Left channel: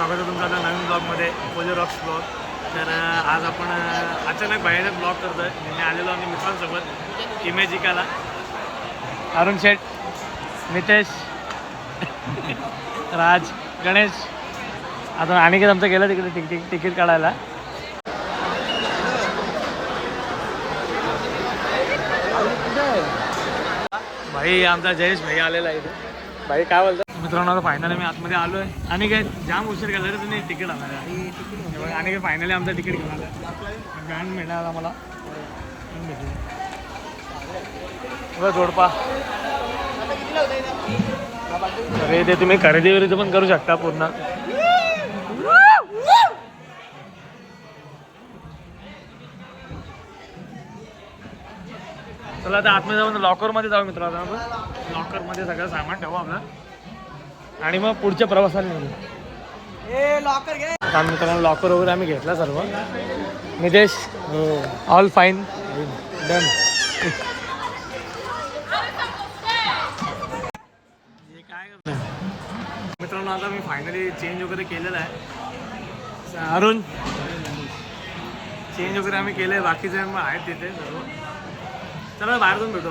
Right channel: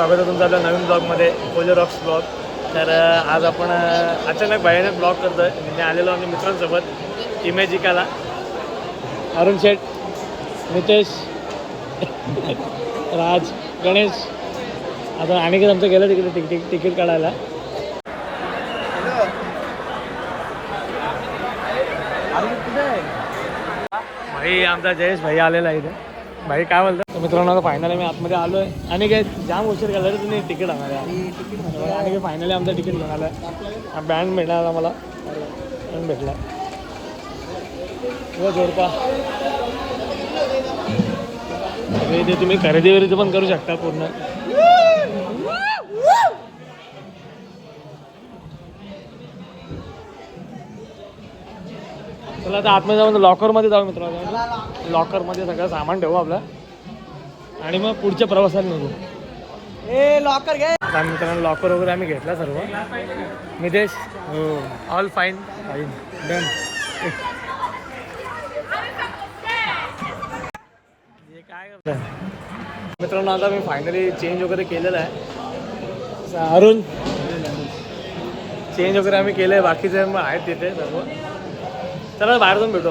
स्वागत आहे तुमचं आपल्या नवीन ब्लॉगमध्ये पोलो रॉक्स ब्लॉग तर आज आपण अचानक भयानक ब्लॉग करतोय. मी आलेलो आम्ही मित्रांसोबत इमेजिकाला. अरुण शेठ नितेश राज गणेश. आता आणि आमचं गेलं तिकडे तिकीट तिकीट काढायला. भाई आमचा जयेश भाई आलेला आहे इथे. भाई काय म्हणतो? मित्रांनो आता फायनली मी आतमध्ये आलो आहे आणि काय जाम उशीर केला रे तुम्ही तिकीट आणणार आहे आणि काय? फायनली आमचं तिकीट घेऊन आलं आहे बँड मिळाला मला बँड भेटला. बरं जोडपा. अरे ते तुम्ही खरेदी वरेदी पण करू शकता पूर्ण. चला आता आतमध्ये जाऊन लॉकरमध्ये जाऊ मित्र आता लॉकरमध्ये सगळं सामान ठेवू आपलं. आणि मग पुढच्या प्रवासाला निघू. लॉकर घे. कारण मित्रांनो लॉकर वगैरे आम्ही घेतला सर्व. निदेश हो. ऑल फाईन फाईन डन काय मित्रांनो आता मी फायनली चेंज वगैरे केलेलं आहे. अरुण. चेंज वगैरे आम्ही केलं आहे बाकीचे मग आहेत तिथे सर्व. चला बाहेर जाऊन भेटू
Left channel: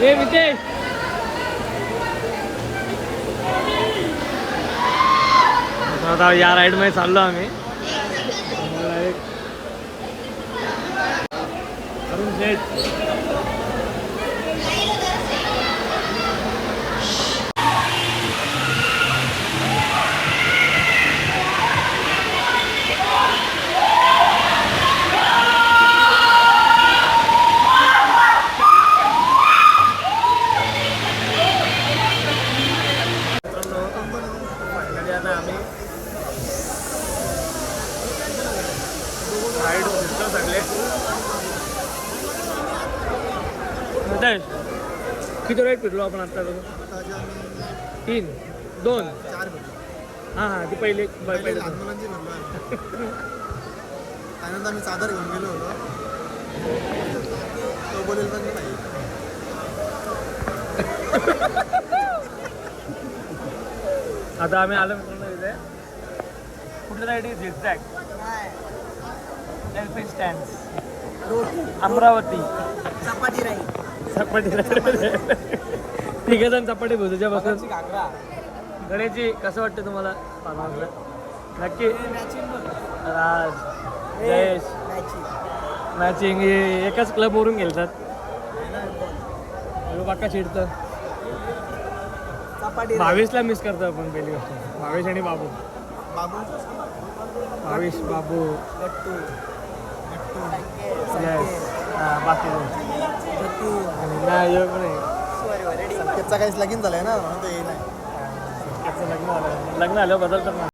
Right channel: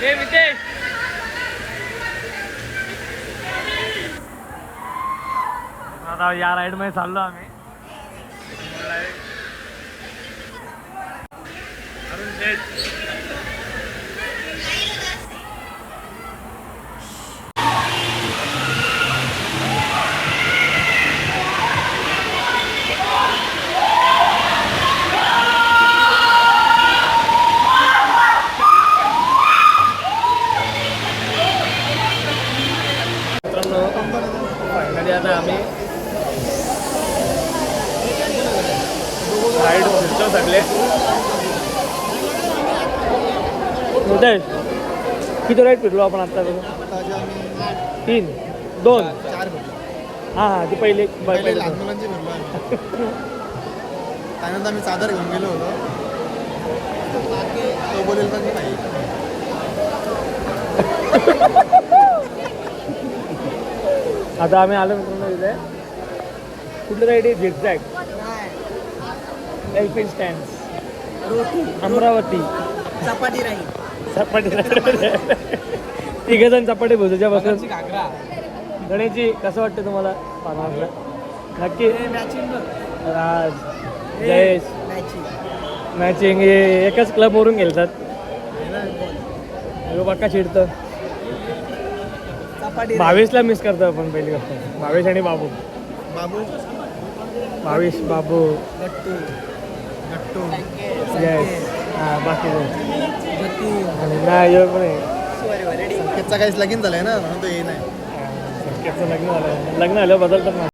हे ए आता या राईडमध्ये चाललो आम्ही. अरुण शेठ. किती राईड फिरलो आपण आता? तीन दोन. चार भेटलो हां हां ती पहिले पहिले लहान मुलांची भेटलो त्यानंतर आम्ही चादर घेऊन गेलो होतो. तो बोलेल पण नाही. आता आम्ही आलो मित्रांनो इथे. कुठलं राईड आहे झिगझॅग एल्फिन स्टँड रोटी. अमरावती. चपाती राहील. चपाटी तिघ जण चपाटी भुजाच्या बसून गणेशजी कसं वाटतं तुम्हाला नक्की. राज जयेश. मॅचिंग हे एकाच क्लबवरून गेलतात बाका चिडतं. चपाती भावेशला मिस करतो आपण पहिली गोष्ट. भावेश आणि बाबू. बाबू? भावेश बाबू. जयेश हां गट्टू आणि नाही योग पण संकेतचा काहीच लगीन झालाय ना म्हणून तो ये नाही संकेतचं लग्न झालं लग्न आलं बदलतात ना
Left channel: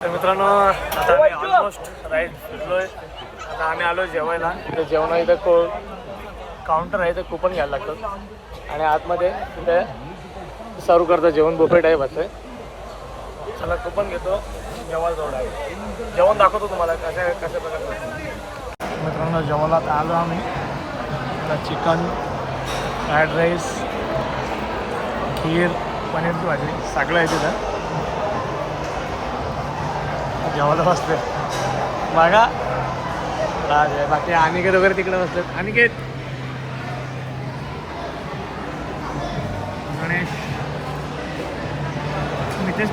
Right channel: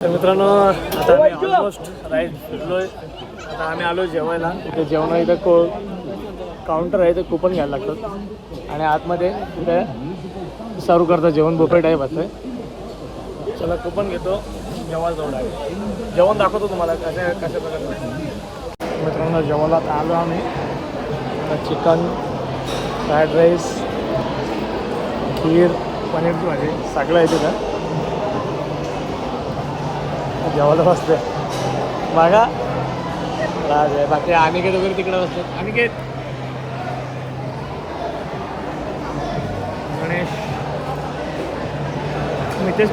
तर मित्रांनो आता आम्ही ऑलमोस्ट राईट फिरलोय. आता आम्ही आलो जेवायला. ते जेवण इथं तो काउंटर आहे ते कुपन घ्यायला लागतो. आणि आतमध्ये कुठे सर्व करतं जेवण बुफे आहे. बसले चला कुपन घेतो. जेवायला जाऊ लागेल जेवण दाखवतो तुम्हाला कशा कशा प्रकारचं मित्रांनो जेवायला आलो आम्ही. चिकन फ्राईड राईस खीर पनीर भाजी सगळं आहे तिथं. जेवायला बसले बघा. राज आहे. बाकी अनिकेत वगैरे तिकडे बसलेत. अनिकेत! गणेश. नितेश?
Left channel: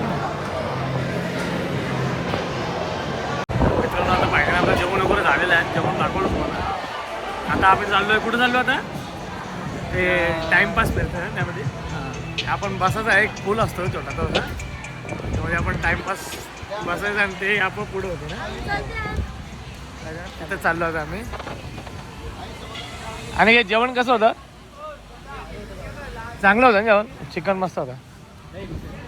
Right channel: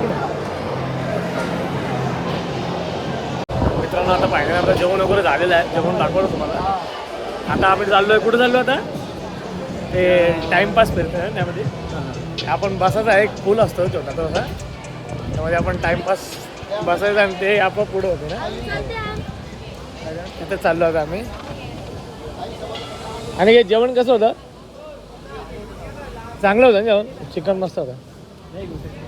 मित्रांनो आता फायनल आपलं जेवण वगैरे झालेलं आहे. जेवण दाखवलं तुम्हाला. आता आम्ही चाललोय. कुठं चाललो आता? ते टाइमपास ना त्यामध्ये. आपण बसायचा एक पूल असतो छोटा तो असा त्यामध्ये आपण टाइमपास बसायचं आणि ते आपण पुढे होते ना? तिथं चाललो होतो आम्ही. आणि हे जेवण कसं होतं? चांगलं होतं ना जेवण? चिकन मस्त होतं.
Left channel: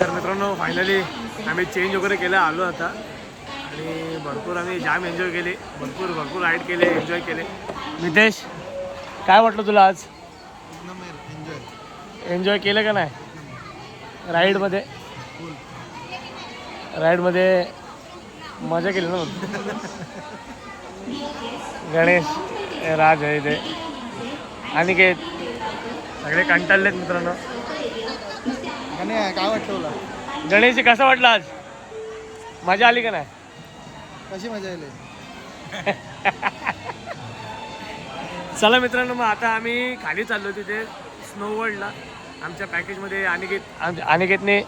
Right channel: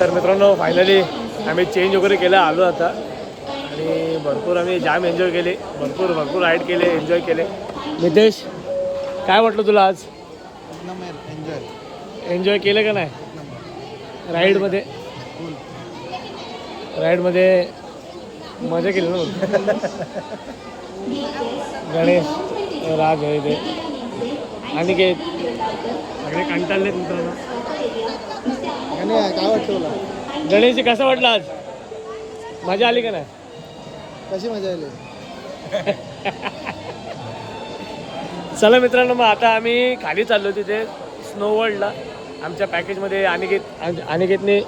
तर मित्रांनो फायनली आम्ही चेंज वगैरे केलं आलो आता. आणि भरपूर आम्ही जाम एन्जॉय केले. भरपूर भरपूर राईड केले एन्जॉय केले. नितेश काय वाटलं तुला आज? एन्जॉय एन्जॉय केलं का नाही? राईडमध्ये राईडमध्ये मजा केली ना? गणेश हे राज आहे ते आणि काय? सगळे कंटाळलेत मित्रांनो. आणि काय वाटतं तुला? गणेश कसं वाटलं आज? मजा आली का नाही? कशी मजा आली? चला मित्रांनो मग आता आम्ही खाली चाललो तिथे स्नो वर्ल्डला आमच्या पॅकेजमध्ये अनिकेत आम- अनिकेतने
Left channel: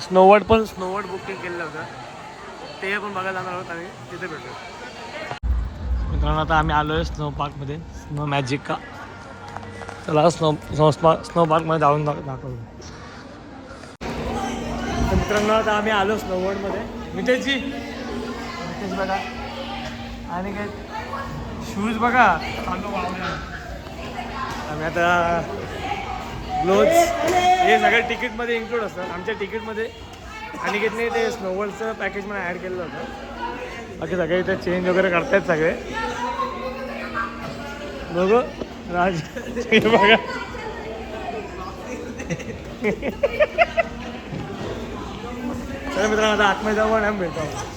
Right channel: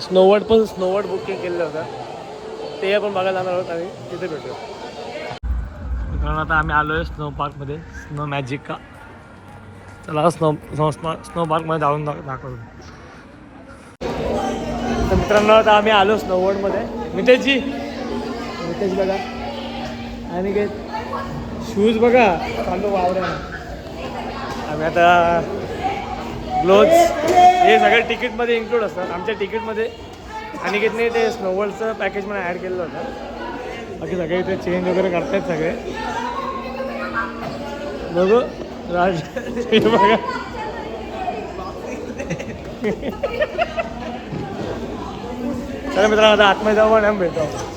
स्नो वर्ल्ड पण स्नो वर्ल्ड बुकिंग केलेलं होतं. ते पण बघायला जाणार आहोत आम्ही. तिथे भेटूया. मित्रांनो आता आम्ही आलो आहे स्नो पार्कमध्ये स्नो मॅजिक का? चला स्नो स्नो स्नो पार्कमध्ये जाऊन दाख दाखवतो. तर मित्रांनो आता आम्ही आलो स्नोवर्डमध्ये मितेशजी. मितेश बघा. आणि अनिकेत शूज बघा. चालू वावड्या आम्ही आता ग्लोज हे सगळे तिकीटमध्ये इन्क्लूड असतात. आमच्या तिकीटमध्ये. आणि नाही ते स्नोवर्ल्डचं पॅकेज मला ॲड केलेलं होतं. बाकी सगळे इथे चेंज वगैरे करतायत सगळे. बघू. राज बघा. चला मित्रांनो आता आतमध्ये जाऊ आणि आम्ही भेटतो आपण.